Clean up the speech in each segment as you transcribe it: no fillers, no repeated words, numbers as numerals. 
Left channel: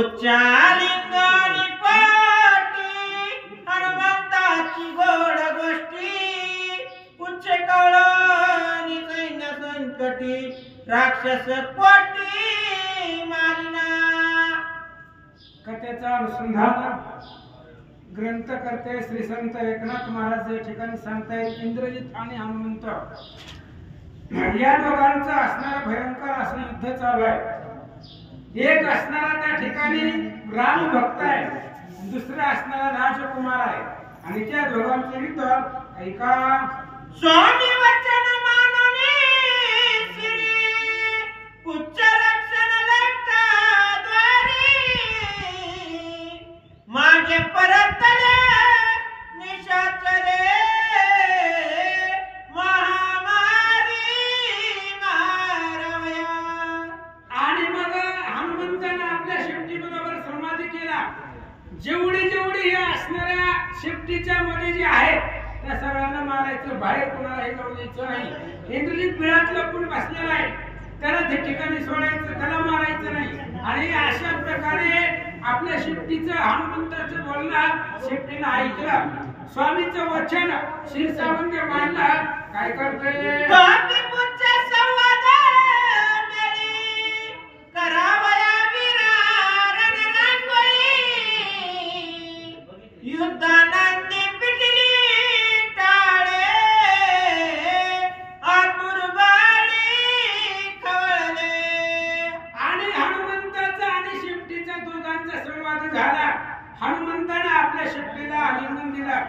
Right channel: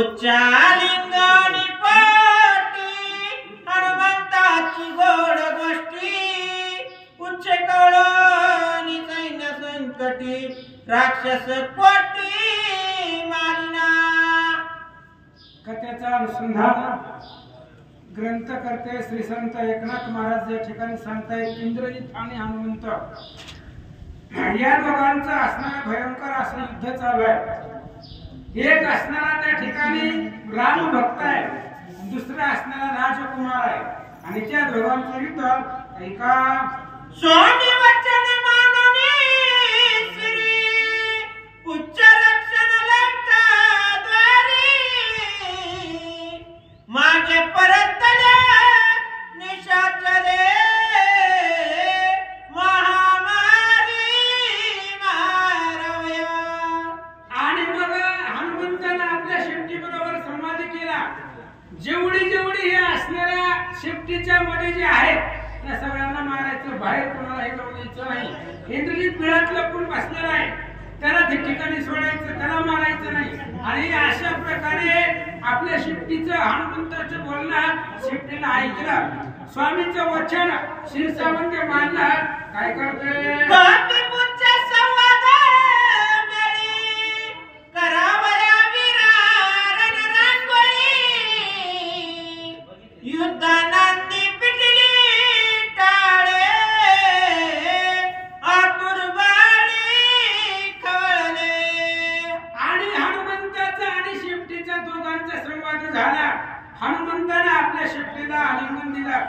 उच्चा लिंगानी पाटी हनुमंताची गोड गोष्टी उच्च कळणी सैन्य संकटी राक्षस कोटी मारिना। कथेचा अनुसंधान ग्रंथकर्ते श्री संत एकनाथ महाराज या ठिकाणी सांगतायत इंद्रजित आणि हनुमंत या दोघांचं असणारं भयंकर असं युद्ध चालू आहे। एक असणारा त्या ठिकाणी राम भक्त आहे, दुसरा असणारा राजकुमार आहे आणि त्या दोघांचं युद्ध ऐका। स्वामी वचन माननी श्री उच्च रक्षण लंका द्वारी मागे परतले निशाचरे महामारी मारवया। आणि मग हनुमंताने आपल्या शेपटीबरोबर संवाद केला। जेवढी जेवढी हे असणाऱ्या शेपटीच्या मध्ये जे आहेत त्या सगळ्यांना मारायचं, बाहेर कोणालाही जाऊ द्यायचं नाही। इंद्रजित बिळात लपून बसलेला आहे, त्याला त्या ठिकाणी सोडायचं, त्याला मारायचं नाही। आणि अशा प्रकारे आपल्या शेपटीचं हनुमंताचं बोलणं शेपटीनं ऐकलं, स्वामीचं वचन शिरसावंगे मानलं। काय करते संवाद मेळी करावया वीरा रणरांगोळी युद्धानंदी पिटली टाळे आतुर बाळी खवळले। आणि हनुमंताचा आणि शेपटीचा दोघांचा संवाद झाला। हनुमंताने आपल्या शेपटीला आलिंगन दिलं,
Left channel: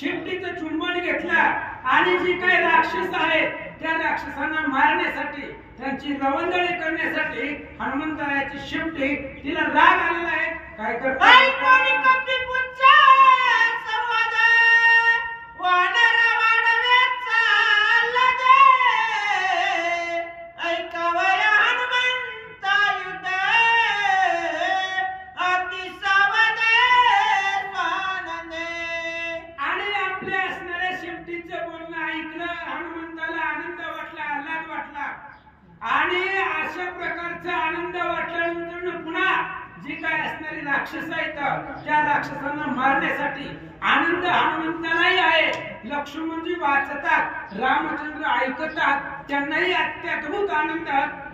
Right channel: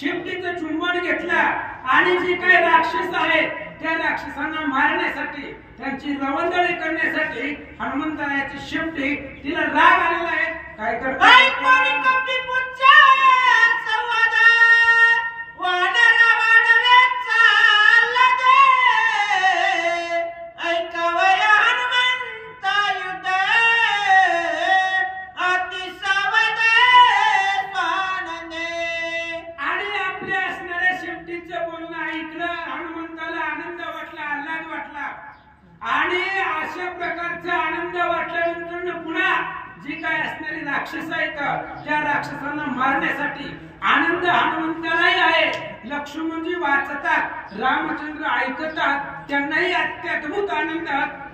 शेपटीचं चुंबन घेतलं आणि जी काही राक्षस आहेत त्या राक्षसांना मारण्यासाठी, त्यांची रवंदळी करण्यासाठी हनुमंताची शेपटी तिला राग आलेला आहे। काय करते संवाद वानर वाढवेचा लदे ऐकावया हनुमंता युद्ध अति सावधे स्वानंदे। आणि आपल्या असणाऱ्या शेपटीचं बोलणं ऐकलं, हनुमंताला आनंद वाटला, आल्हाद वाटला। आणि अशा प्रकारचा आनंद वाटल्यानंतर पुन्हा जी काय असणारी राक्षस आहेत त्या राक्षसांना मारण्यासाठी आनंद हनुमंतालाही आहे। लक्ष्मणजी वाचतात, रामचंद्र ऐकतात, त्यांनाही अत्यद्भुत आनंद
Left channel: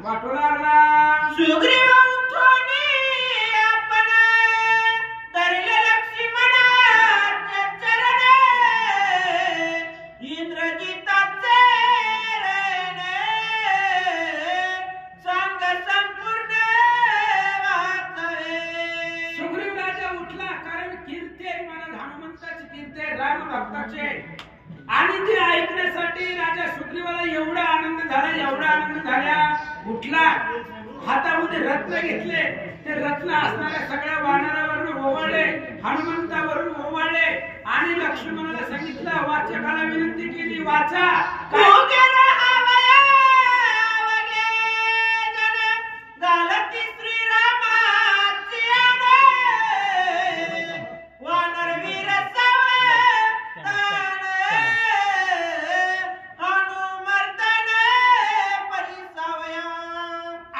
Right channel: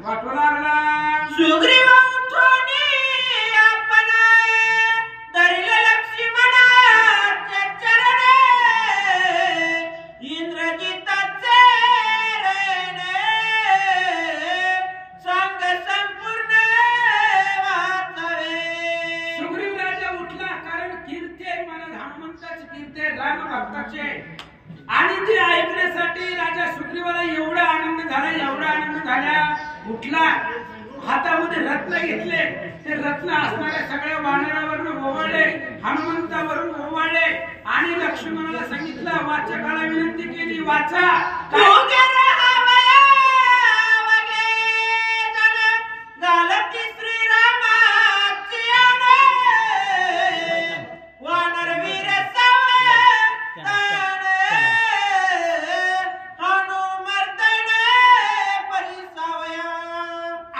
वाटू लागला। सुग्रीव उठोनी आपण धरले लक्ष्मणाचे चरण इंद्रजिताचे रेणे संग संपूर्ण वाचवे। सुग्रीव राजा उठला, कारण कीर्ती आहे महाराज हनुमंताची, कीर्ती आहे राम भक्ताची। आणि ते ऐकण्यासाठी राजा सुग्रीवाला एवढा आनंद झाला, एवढा आनंद झाला, उठला, हातामध्ये रत्न घेतले, ते रत्न असणाऱ्या सगळ्या वानरावरून ओवाळले, हनुमंतावरून ओवाळले आणि लक्ष्मणाला सांगितलं, वाचकाला विनंती केली, वाचा गालती श्रीरामाची आणे वानर वीर सावधाने हनुमर्दने परिसावया।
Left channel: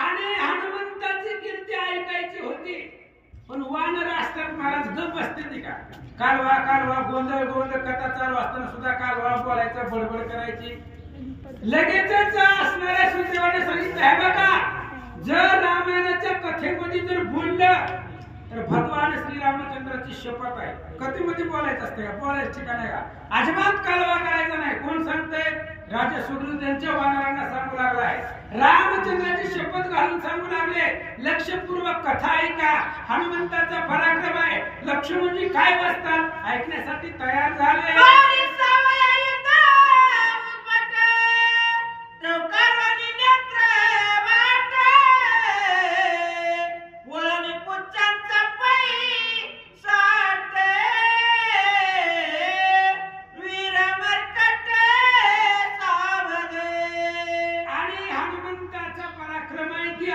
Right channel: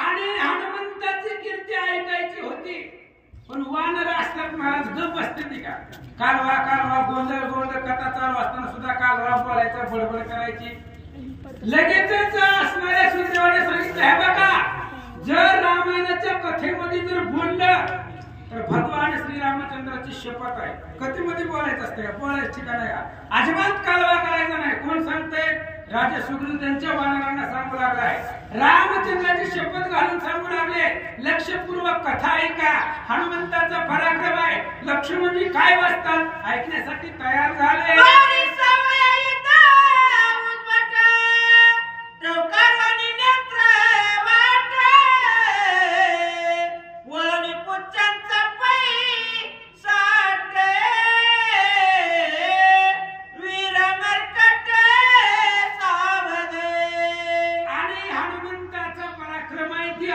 आणि हनुमंताची कीर्ती ऐकायची होती, पण वानर असतात महाराज गप बसते का? कालवा कालवा गोंधळ गोंधळ कथा चालू असताना सुद्धा कालवा बोलायचा, बडबड करायची। लगेचच असणाऱ्या सुग्रीवाने सांगितलं, हे बघा, जर रामायणाच्या कथेमध्ये जर बोललं तर भगवान श्रीरामचंद्राची शपथ आहे, कथेमध्ये बोलायचं असतं का? बोलायचं ठिकाण आहे का? अजिबात कालवा करायचा नाही। कोण सांगतंय? राजा सुग्रीव त्यांच्या वानरांना सांगू लागलाय, रामचंद्राची शपथ घालून सांगू लागले, लक्षपूर्वक कथा ऐका, हनुमंताचा पराक्रम आहे। लक्ष्मणजी काय बसतात ऐकण्यासाठी तयार झाले।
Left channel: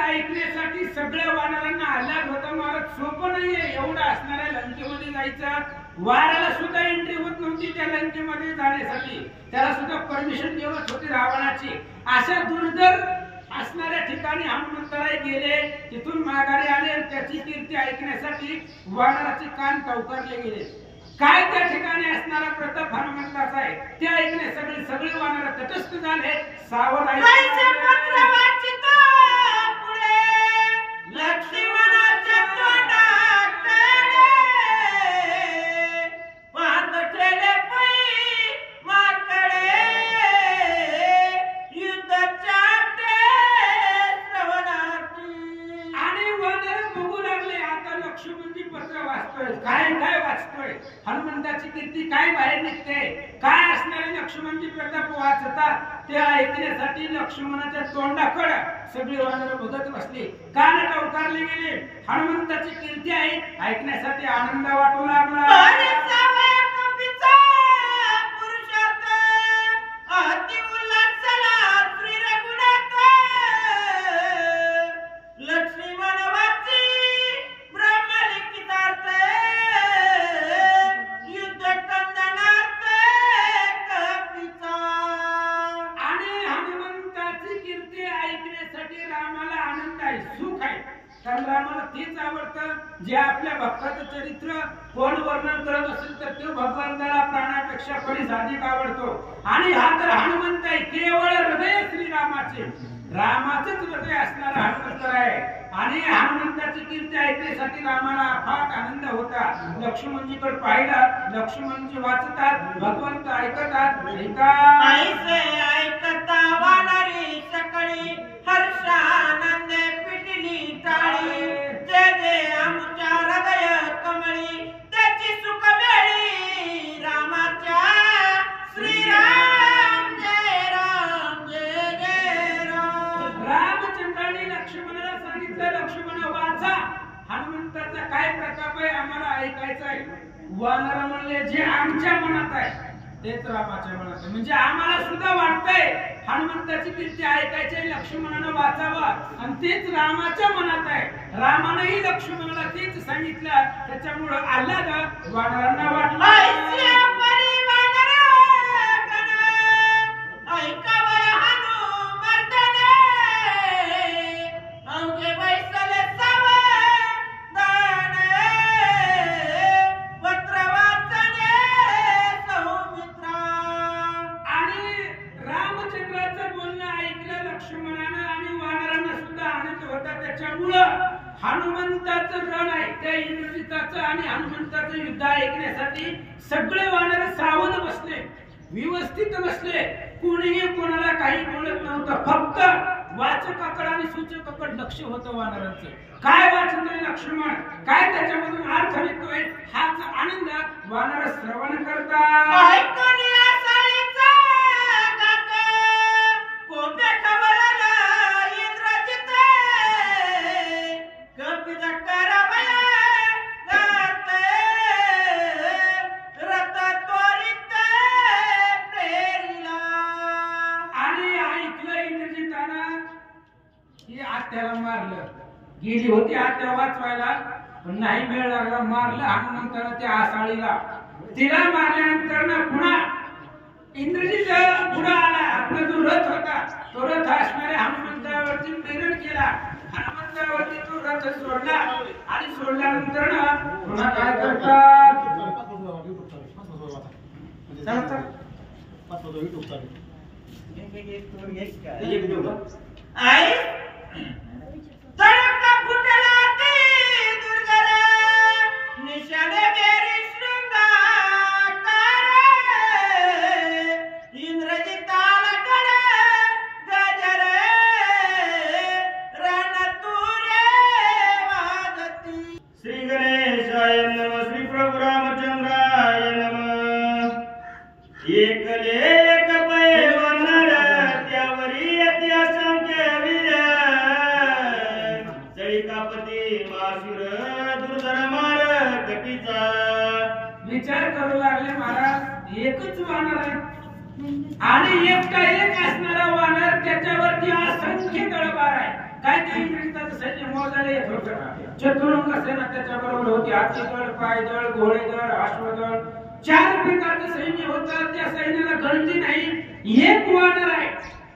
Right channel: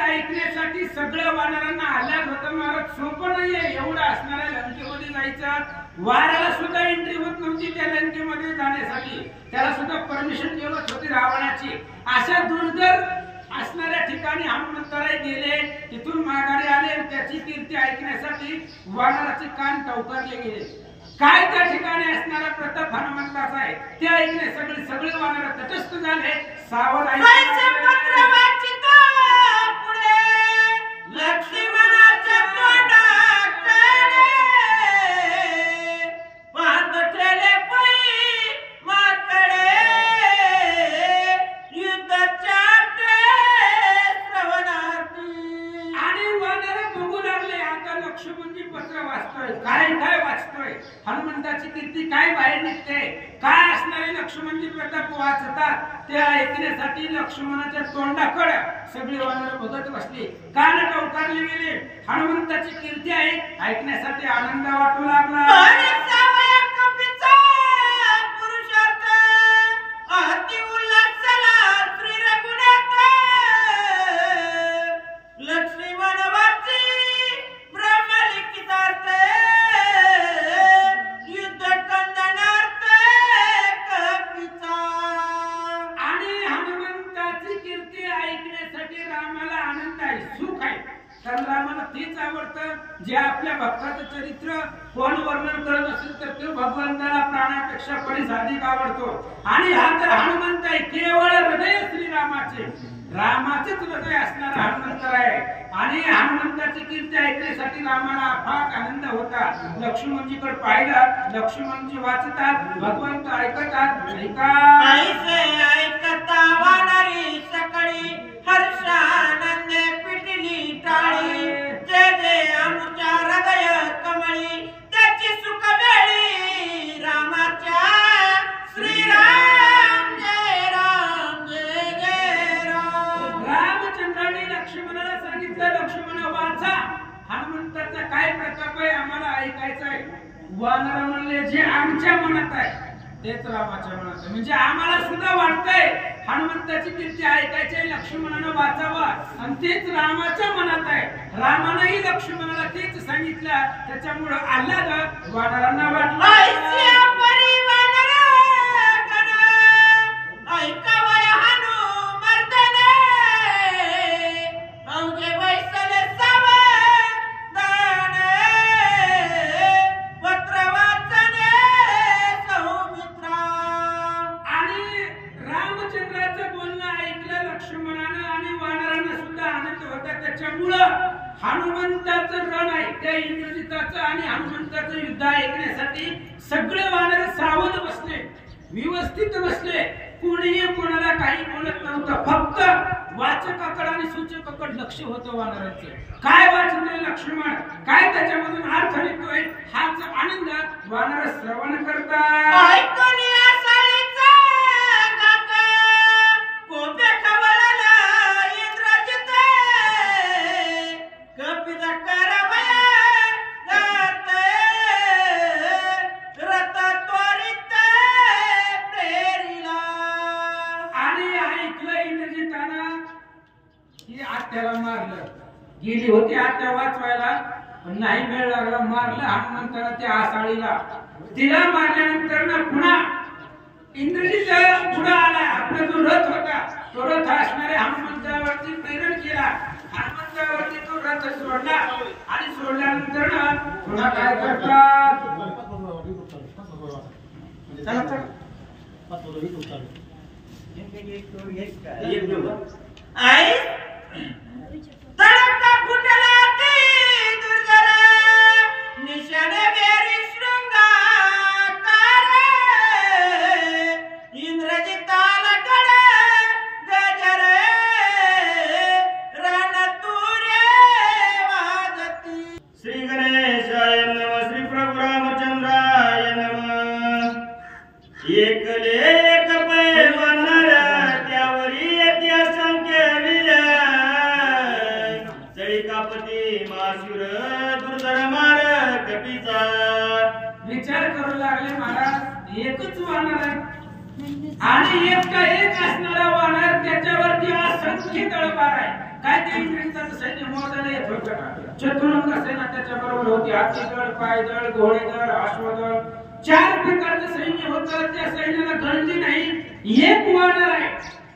ऐकण्यासाठी सगळ्या वानरांना आल्हाद होता, महाराज सोपं नाहीये एवढं असणाऱ्या लंकेमध्ये जायचं। वाराला सुद्धा एंट्री होत नव्हती त्या लंकेमध्ये जाण्यासाठी, त्याला सुद्धा परमिशन देवत होती रावणाची। अशा दुर्धर असणाऱ्या ठिकाणी हनुमंतराय गेले, तिथून माघारी आले, त्याची कीर्ती ऐकण्यासाठी वानराचे कान टवकारले गेले. काय त्या ठिकाणी असणारा प्रताप हनुमंताचा आहे ते ऐकले सगळे वानर तटस्थ झाले. सावध कैसे पत्र वाचितो पुढे लक्ष्मणाच्या तोंडाकडे पाहत ठेले पै माकडे युद्धाच्या श्रवणार्थी. आणि वानर बघू लागले. आता लक्ष्मणजी पत्र वाचतोय. काय वाचतोय? हनुमंताची कीर्ती काय बाहेर निघते, काय असणारे लक्ष्मणजी प्रताप वाचतात ते ऐकण्यासाठी लक्ष्मणाच्या तोंडाकडे सगळे वानर बघत बसले. कान टवकारले गेले. हनुमंताची कीर्ती ऐकण्यासाठी आनंद वाटू लागला. रामाला तेच आवडतं जे आपल्या भक्ताचं चरित्र कोण वर्णन करत असेल तर तो भगवंताला प्राणापेक्षा परीस अधिक आवडतो. आणि हा तर हनुमंत आहे, केवळ हृदय श्रीरामाचे, रामाचेच हृदय असणारा हनुमंत आहे. आणि हनुमंताची कीर्ती ऐकण्यासाठी रामाला अफाट आनंद होता. लक्ष्मणजीकडे पाहिलं, लक्ष्मणजी वाचतात, भगवंत ऐकतात. ऐकता वानरी सकळी हर्षानंदे पिटली टाळी. जय जय आमच्या हृदय कमळी त्याची सुख वेळी रामाच्या श्रीराम जय राम जय जय राम. रामचंद्राने लक्ष्मणाला सांगितलं, लक्ष्मण वाचा, हनुमंताचा काय प्रताप आहे आम्हाला ऐकायचं आहे. वानर म्हणले जे आमच्या मनात आहे तेच रामाच्या मनात आहे. म्हणजे आम्हाला सुद्धा वाटतंय हनुमंताची कीर्ती ऐकायची, लक्ष्मणानं वाचावं आणि तेच रामाच्या मनात आहे. रामानंही लक्ष्मणाला तेच सांगितलं. त्याच्यामुळे आल्हाद वानरांना वाटलं. हनुमंताचं रण आहे त्या इंद्रजिताचं आणि हनुमंताचं युद्ध ऐकण्यासाठी सगळे वानर सावध बसले, व्यवस्थित बसले. कोणीही कोणाला काही बोलत नव्हतं. फक्त वाचकाकडे आणि सूचकाकडे लक्ष होतं वानरांचं. काय वाचतोय लक्ष्मण, काय त्याच्यामधून अर्थ निघतोय हाच आनंद वानर श्रवण करतात. आत्याला मारलं, गेली होती आत्या वाचवायला पण नाही वेळ लागला, मारलं हनुमंताला त्या आसाळीला. तिला मारल्यानंतर ना पुन्हा इंद्रजित पुढे आला. आपला जो रथ होता तो रथ असणाऱ्या हनुमंतावरती प्रेरण केला. हनुमंतावरती तो रथ सोडला आणि सोडल्यानंतर ना पुन्हा काय करतात, आई तडका फुटला ती दुर्धर निशाने बेरी शृंगाकार. इंद्रजिताला गड गजर रणतुरे वाजती. श्री गणेशाय नमः, श्री प्रभु रामचंद्राय नमः. एकले एक पैलवानर त्यावरी येते असंख्य वीर. चळिकापती मासुर दुर्धर मार कपीचा. विचार करू लागले महाराज, एकच वानर आहे आणि एकटा एक असणारा वानर, त्याच्यावरती असंख्य तळवार आहे. काय ते इंद्रजिताचं सैन्य मोजायला येत होतं. चतुरंग सेना त्याच्याबरोबर होती. हातीदळ, पायदळ, घोडेदळ, अश्वदळ, 4 प्रकारचं सैन्य होतं. त्या सैन्याला गणली नाही. एक वानर आहे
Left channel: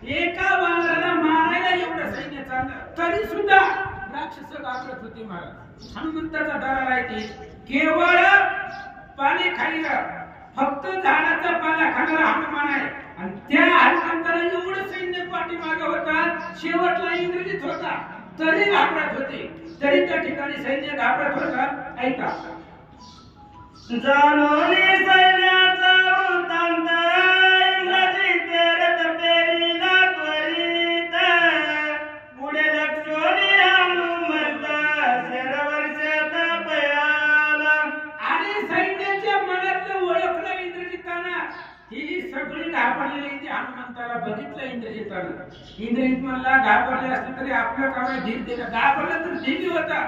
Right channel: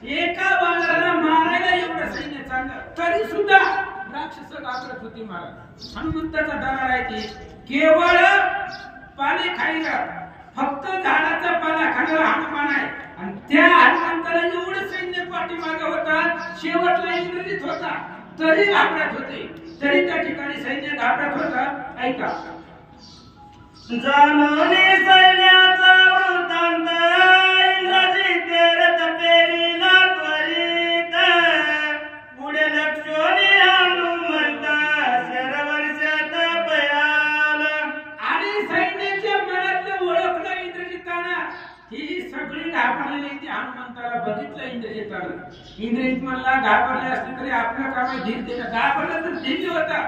एका वानराला मारायला एवढं सैन्य चाललं तरी सुद्धा राक्षस घाबरत होती महाराज. हनुमंताचा दरार आहे की केवळ पाणी खायला फक्त झाडाचा पाला खाणारा हनुमान आहे आणि त्या हनुमंताला एवढं सैन्य पाठीमागे होता, शेवटला इंद्रजित होता तरी घाबरत होते, तरी त्या ठिकाणी सैन्य घाबरत होता. ऐका जानोनी सैन्याचा वृत्तांत इंद्रजित रथ पेरीला त्वरित पुढे लक्ष्मणी हनुमंत शरवर्षात पयाला. आणि सैन्याच्या मनातलं ओळखलं इंद्रजितानं. ही सगळी घाबरलेली ती हनुमंताला बघितलं इंद्रजितानं. इंद्रजित म्हणला घाबरले असते तरी आपलं काम धीर दिलं. घाबरलं तर धीर होता,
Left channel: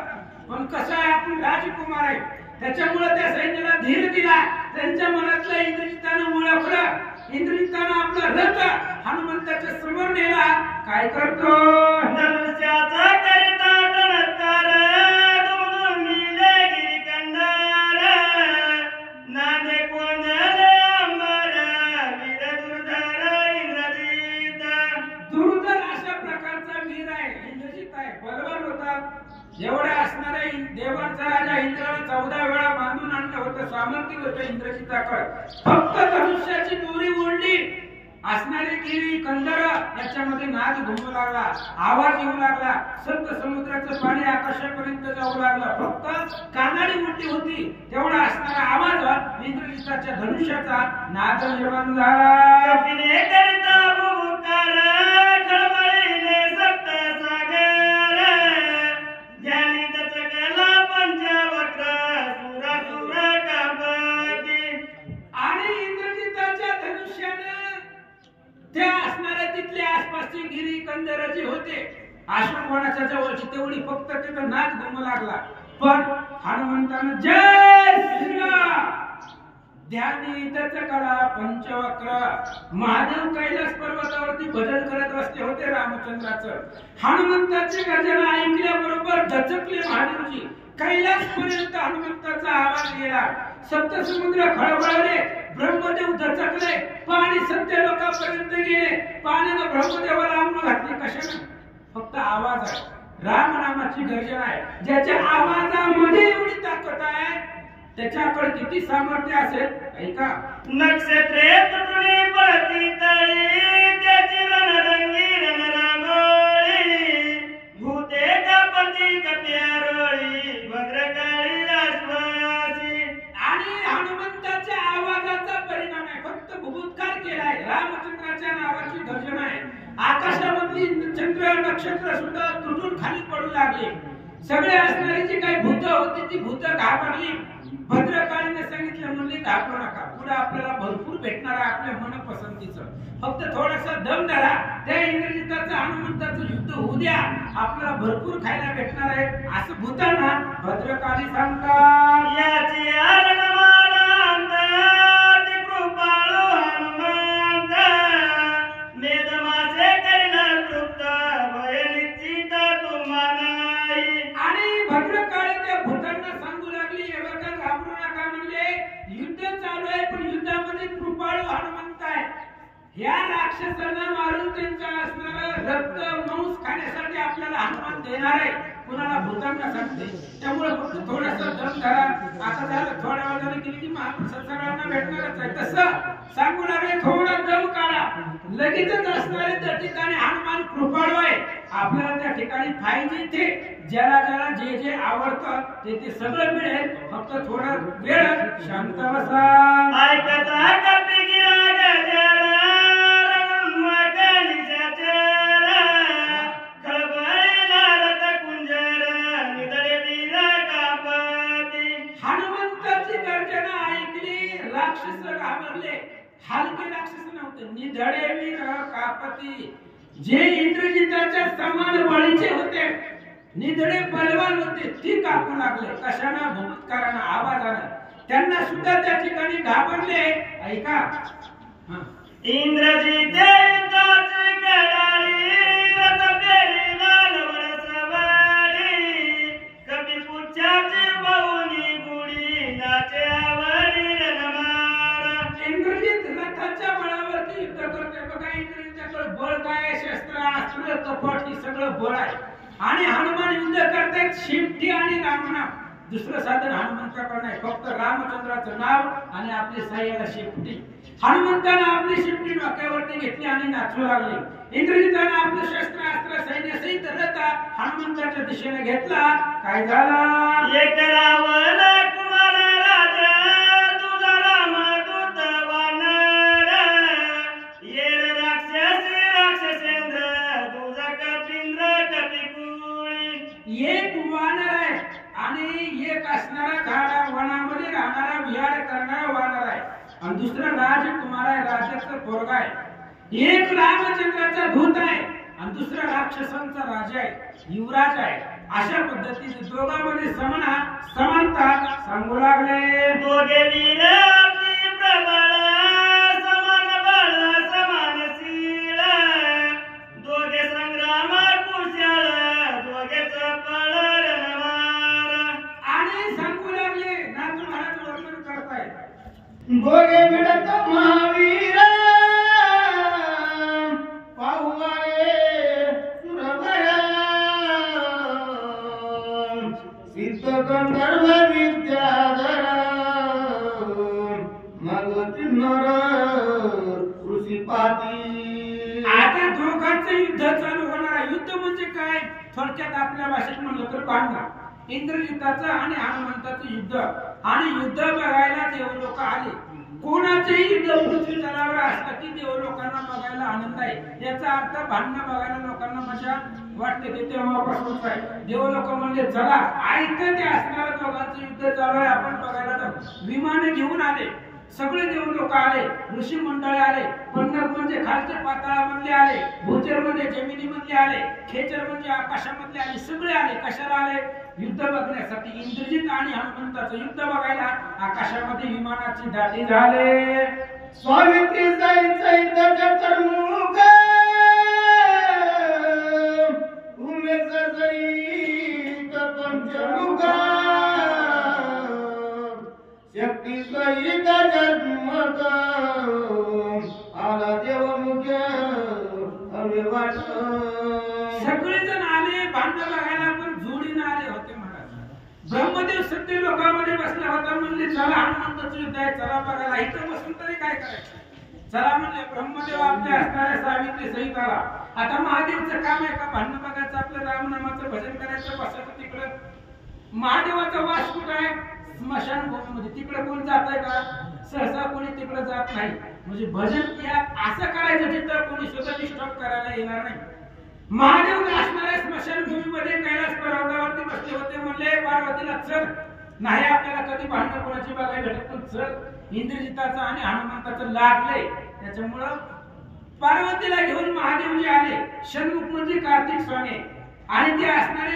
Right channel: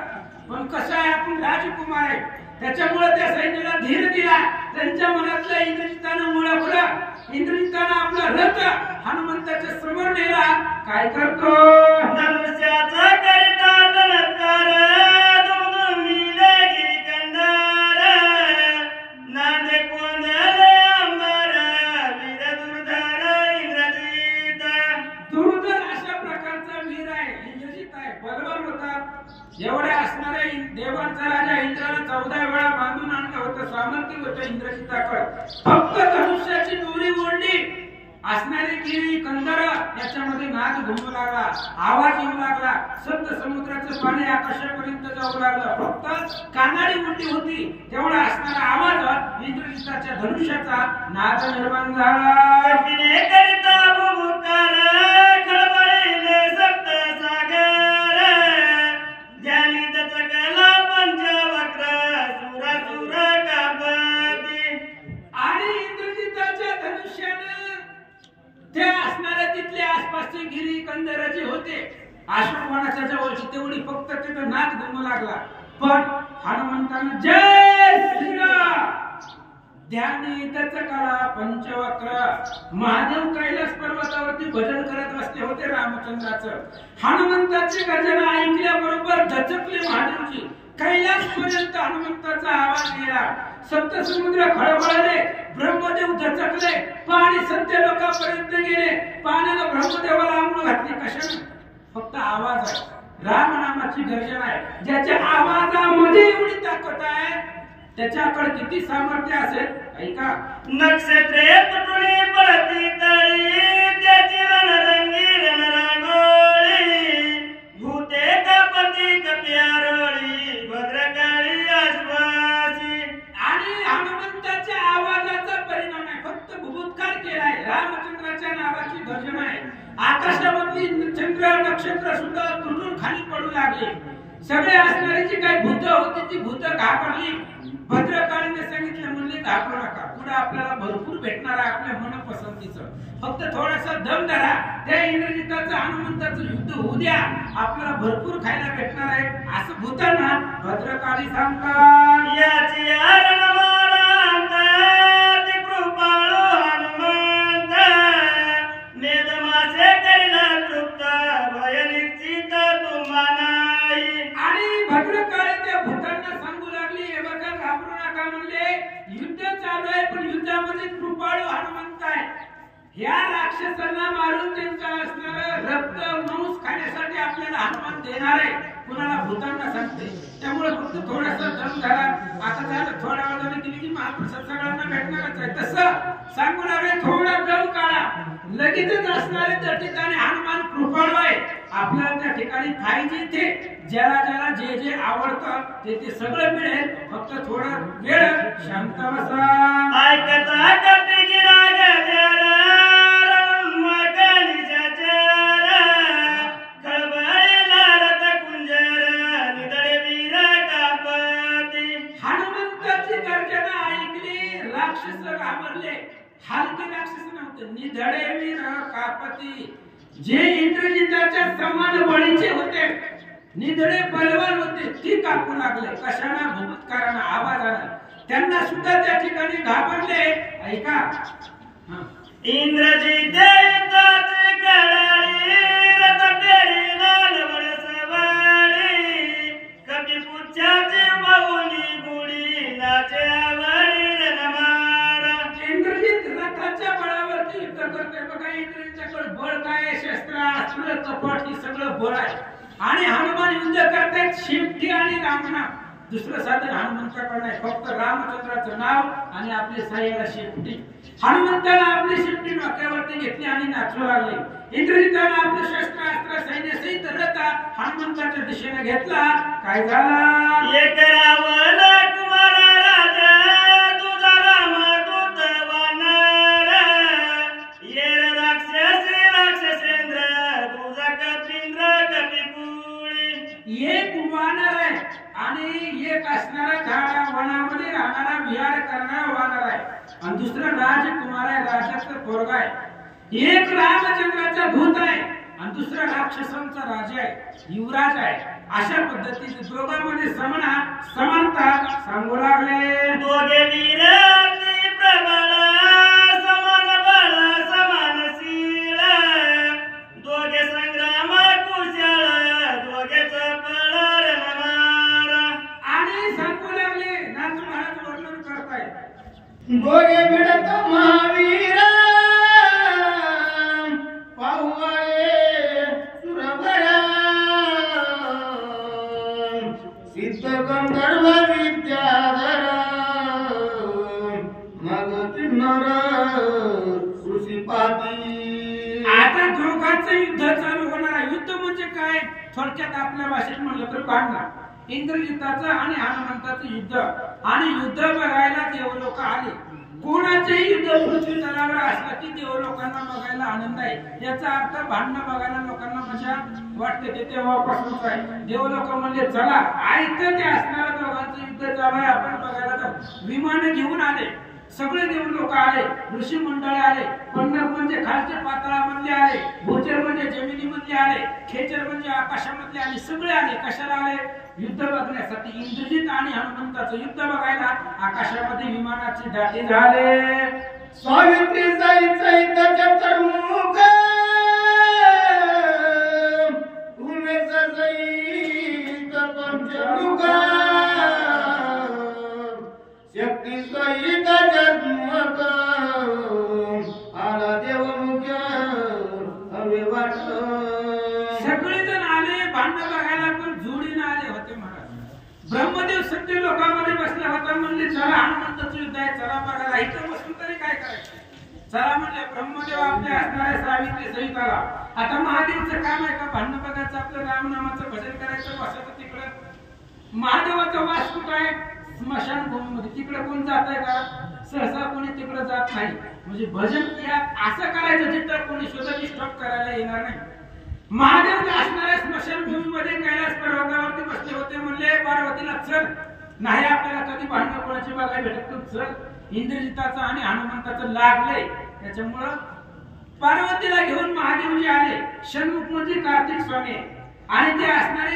पण कसं आहे आपण राजकुमार आहे त्याच्यामुळे त्या सैन्याला धीर दिला. त्यांच्या मनातलं इंद्रजितानं ओळखलं. इंद्रजितानं आपला रथ हनुमंताच्या समोर नेला. काय करतो धनुष्याचा करिता टणत्कार दुमदुमिले गिरिकंदर नांदे कोंदले अंबर वीर दुर्धर इंद्रजित. दुर्धर अशा प्रकारचा वीर आहे, इंद्रजित आहे, बलवान होता. एवढे असणारे देवांचा राजा इंद्राला 14 वेळा बांधून आणलं होतं, सामर्थ्य होतं इंद्रजिताकडे. फक्त धनुष्याची दोरी ओढली, असणारे गिरी कंदर याच्यामध्ये नाद घुमू लागला, आवाज येऊ लागला, संत समुद्राचं पाणी आकाशापर्यंत जाऊ लागलं. फक्त कानाडी मोठी होती, तेवढा असणारा आवाज इंद्रजिताच्या धनुष्याचा नाद निर्माण झाला. कपिने करिता भूमुखार खळबळीले सप्त सागर ज्ञानी दचकला पंचवक्र सुरासुर कापती. आणि इंद्रजिताच्या धनुष्याने त्या असणाऱ्या तिथले आसपासचे गिरी कंदर जे होते अशोकवनाच्या जवळची तेवढी फक्त तिथं नाद घुमू लागला. पण हनुमंतानं जय श्रीराम ध्यानी दचकला पंचवक्र. महादेव कैलास पर्वतावरती भजन करत बसले होते रामचंद्राचं. हनुमंताची गर्जना ऐकल्याबरोबर दचकले महादेवजी. कैलास पर्यंत हनुमंताचा आवाज गेला. सप्तसमुद्र खळबळले, ब्रह्मदेव दचकले, पाणी सत्य लोकांपर्यंत गेले. पाण्याला ब्रह्मदेवाला आंघोळ घातली. कशाने? फक्त आवाज आहे, राम नामाची गर्जना आहे. ज्याच्या आवाजामध्ये एवढी ताकद आहे त्याच्याकडे किती सामर्थ्य असेल. ऐका नक्षत्रे तुटुनी पडती तळी त्याची रणरंगी रणरांगोळी भूते कापती कप्यारोळी भद्रकाळी आश्वासी. आणि हनुमंताच्या आवाजाचा परिणाम आहे, फक्त भूभूतकार केलाय. रामचंद्राच्या नावाची गर्जना आहे. आकाशामधली चंद्र नक्षत्र सुद्धा तुटून खाली पडू लागले. सगळे असणारी जी काही भूत होती ती भूत घाबरली. भद्रकाळीने सांगितलं, म्हणले घाबरू नका, पुढे आपल्याला भरपूर भेटणार आहे आपल्या मनपसंतीचं. फक्त थोडासा दम धरा, त्या इंद्रजिताचं हनुमंताचं युद्ध होऊ द्या, आपल्याला भरपूर खायला भेटणार आहे असं भूतांना भद्रकाळी सांगतात. याची रणमालांत ती कृपाळू हनुमंत मेदमासे करणार तृप्त भय निश्चित तुम्हाला. आणि भद्रकाळी त्या भूतांना सांगू लागली, हे बघा घाबरू नका, म्हणले युद्ध चालू आहे पण युद्धामध्ये कृपाळू हनुमंत आहे. ह्या राक्षसांना मारून त्यांचा असणारं रक्त मांस खाण्यासाठी आपल्याला हनुमान देणार आहे. कुणाला भूतांना सांगते. त्यामुळे फक्त थोडासा दम धरा. आता झालं, थोड्या वेळाने गेली की महाप्रसाद सगळ्यांना भेटणारच आहे. तसं सांगू लागले, थोडा दम काढा, लगेचच असणारे त्या ठिकाणी हनुमान कृपाळू आहे. आपल्याला त्या ठिकाणी पाहिजे ते ज्याला ज्याला जे जे आवडतं ते ते सगळं मिळेल. फक्त थोडा वेळ शांत बसा. ऐकता कपी गिरा गजर रणमकनिशाचर खळबळीला रथ कुंजर निधडे वीर कापती. हनुमंताची गर्जना ऐकली, राक्षस घाबरले. हलके राक्षस नव्हते, निधडे वीर कापती. जे इंद्रजिताच्या समान बळीचे होते, निधडे बलवान होते, ती कापू लागले. कशाला? भूतकारानं, आवाजानं. त्यांना सुद्धा त्या ठिकाणी घाबरले. ऐका इंद्रजित युद्धाची कडाळी रथ पेरीला लवळ सवारी कपी पुच्छाची बहुनी गुढी नाचे आवडी रणमार. इंद्रजित रथाच्या बळावरती युद्ध करते. बघा इंद्रजिताकडे बळ काय, बळ आहे आणि हनुमान युद्ध करतायत शेपटी आणि रामनाम. दुसरं साधन हनुमंताकडे नाही, फक्त रामचंद्राचं नाव आणि आपली साह्याला शेपटी. हनुमंताला आपली शेपटी डोक्यावरती घेतली आणि नाचू लागले. इंद्रजिताने आपलं शस्त्रास्त्र सैन्य सहित रथ हनुमंताच्या दिशेने घेतला. काय झाला? एक रावण कुमार राजा तुझा रामदूत वानर, येर राक्षस राक्षसेंद्र तुझा कपिंद्र कपिकुळी. एक वानर आहे आणि एक असणारा झाडा वनामध्ये राहणारा विहार करणारा वानर आहे आणि दुसरा राजकुमार आहे, राजाचा पोरगा आहे. एक रामचंद्राचा भूत आहे आणि दुसरा राक्षसांचा राजा आहे, युवराज आहे. अशा पद्धतीने दोघांमध्ये समानता सांगू लागले. दोघे वीर अति प्रबळ, समान बळ समानशील, दोघे संग्राम कुशळ, दोघे चपळ रणमार. आणि सांगू लागले, नारद महाराज वर्णन करताय. दोघे भिडत महावीर पाहुआळे सुरभरा, सिद्ध गंधर्व विद्याधरा, मग किन्नर ऋषीपाती. आता दोघांचं युद्ध चालू होणार आहे. युद्ध म्हणजे काय? थोडक्यात आपल्या भाषेत म्हणलं तर भांडण. इंद्रजिताचं आणि हनुमंताचं युद्ध. आणि युद्ध बघायला देव लोक आले. कोणाचेही युद्ध पृथ्वी तलावर असलं की देव लोकांना बघायला आनंद आहे. याचा अर्थ भांडणं बघायला लोकांना मजा वाटते. ते तेव्हापासूनच आहे. देव लोक म्हणजे चला ऐकतं ते असणारं दोघांचं युद्ध चालू आहे, आपण बघायला जाऊ. विमाने घेऊन आले, सगळे देव लोक आले, ऋषी मंडळी आले, पंढर म्हणजे खालच्या पाताळामधले आले, भूचर म्हणजे जमिनीमधले आले, खेचर म्हणजे आकाशामधले आले. सगळे आले. कशाला आले? युद्ध बघण्यासाठी. इंद्रजित आणि हनुमंताचं युद्ध बघायला आकाशामध्ये विमानाची दाटी झाले. स्वामित्री सहित सहित चतुर्मुख, उमेश सहित पंचमुख, शक्ती सहित जन्मत, आला देव मुख्य हवे वाट. सगळेजण आले भांडण बघायला, पण जोडीने आले होते महाराज. ब्रह्मदेव सत्य लोकांमध्ये बसला होता. म्हणले चला हनुमंताचं युद्ध आहे, चला बघायला. इथं बसून तरी काय करायचं? चला म्हणले. ब्रह्मदेव आपल्या असणाऱ्या सावित्री सहित आला. आता महादेवचं काम आहे का भांडण बघायचं, आपलं रामनामाचं भजन करायचं, बसायचं तिकडं. महादेवाचा वास कुठं आहे? स्मशानभूमीमध्ये. तिकडे कोण जात आहे का? सहसा कोणी तिकडे जात नाही. म्हणजे भजन या असं करायचं जिथं कोणी स्वतः डिस्टर्ब करायला येणार नाही. महादेव असणाऱ्या स्मशानभूमीमध्ये कैलास पर्वतावरती बसले होते. म्हणले पार्वतीला चल, नाही आपल्याला कधी भांडण कोणाची बघायला भेटत, पण चल. इंद्रजिताचं आणि हनुमंताचं लागलंय, त्याच्यामुळं पार्वतीला घेऊन महादेवजी आले. षण्मुख म्हणजे कार्तिक स्वामी आणि ते असणारे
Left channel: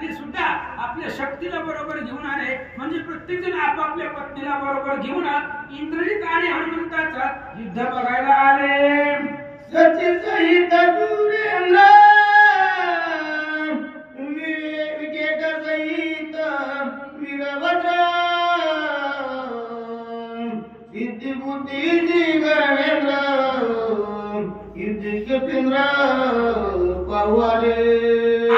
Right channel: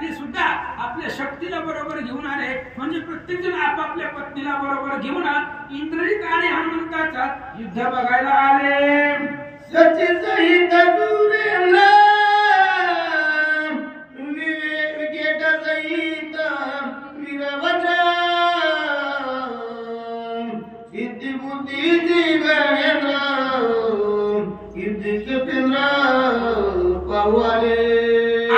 ते सुद्धा आपल्या शक्तीला बरोबर घेऊन आले. म्हणजे प्रत्येक जण आपापल्या पत्नीला बरोबर घेऊन इंद्रजित आणि हनुमंताचा युद्ध बघायला आले. सचिन सहित सुरेंद्र, विकेट सहित वीरभद्र, सिद्धी बुद्धीची गणेंद्र, सिद्धी कपिंद्र पाहुआले.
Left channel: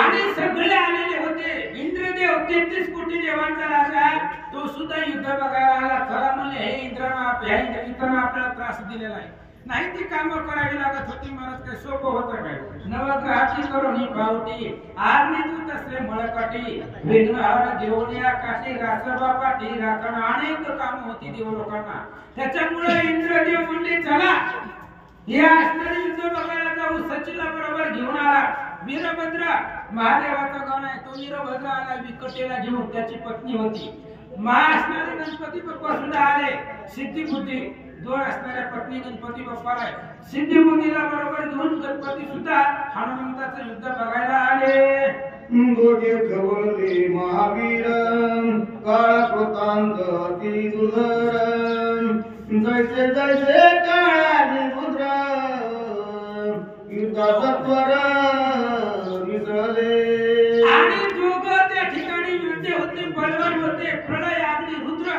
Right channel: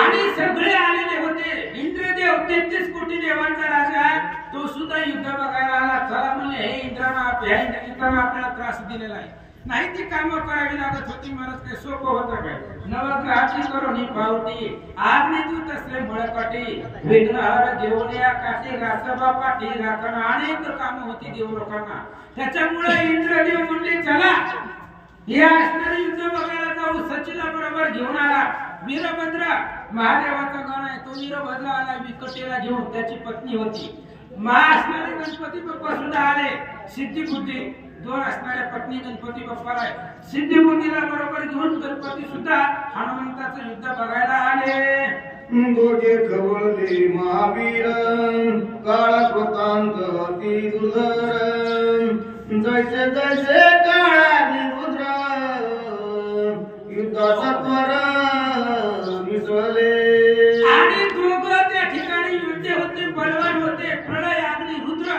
आणि सगळे आलेले होते. इंद्रदेव 33 कोटी देवांचा राजा, तो सुद्धा युद्ध बघायला आला. चला म्हणले, हे इंद्रजितानं आपल्याला त्रास दिलेला आहे, नाही ती कामं करावी लागत होती. महाराज काय सोपं होतं काय? नवग्रहाची करुणी पावती, आग्नेदूत असले मळकाठी, विघ्नहर घेऊन या काठी, रासबा पाठी राखणं, अनेक कामं होती देव लोकांना. त्याच्यामुळे इंद्रदेव म्हणले चला या असणारे युद्ध बघायला जाऊ. सचिला बरोबर घेऊन आला. वीरभद्र महादेवाचा गण आहे, तो वीरभद्र आला विकटेला घेऊन. त्याची पत्नी होती. असणारे गणपती बाप्पा सुद्धा आले. सिद्धी बुद्धी दोन असणाऱ्या पत्नी गणपती बाप्पाला आहे. सिद्धी बुद्धीला बरोबर घेऊन गणपती सुद्धा हनुमंताचं युद्ध बघायला आले. दोघे खवळले महावीर, काळा कृतांत अति दुर्धर, जैसे जैसे काळाने रुद्र, युद्धाचा त्वर मिसळले. आणि दोघं त्या ठिकाणी युद्ध होते, बलवान होते. प्रलय अग्नी रुद्र,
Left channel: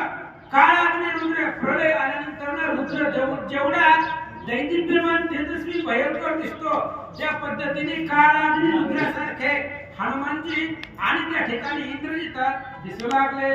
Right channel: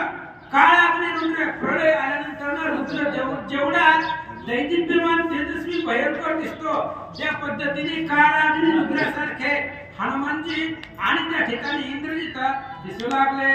काळ अग्नी रुद्र. प्रलय आल्यानंतर रुद्र जेवढा दैदिप्यमान तेजस्वी भयंकर दिसतो त्या पद्धतीने काळ आणि रुद्रासारखे हनुमानजी आणि त्या ठिकाणी इंद्रजित दिसू लागले.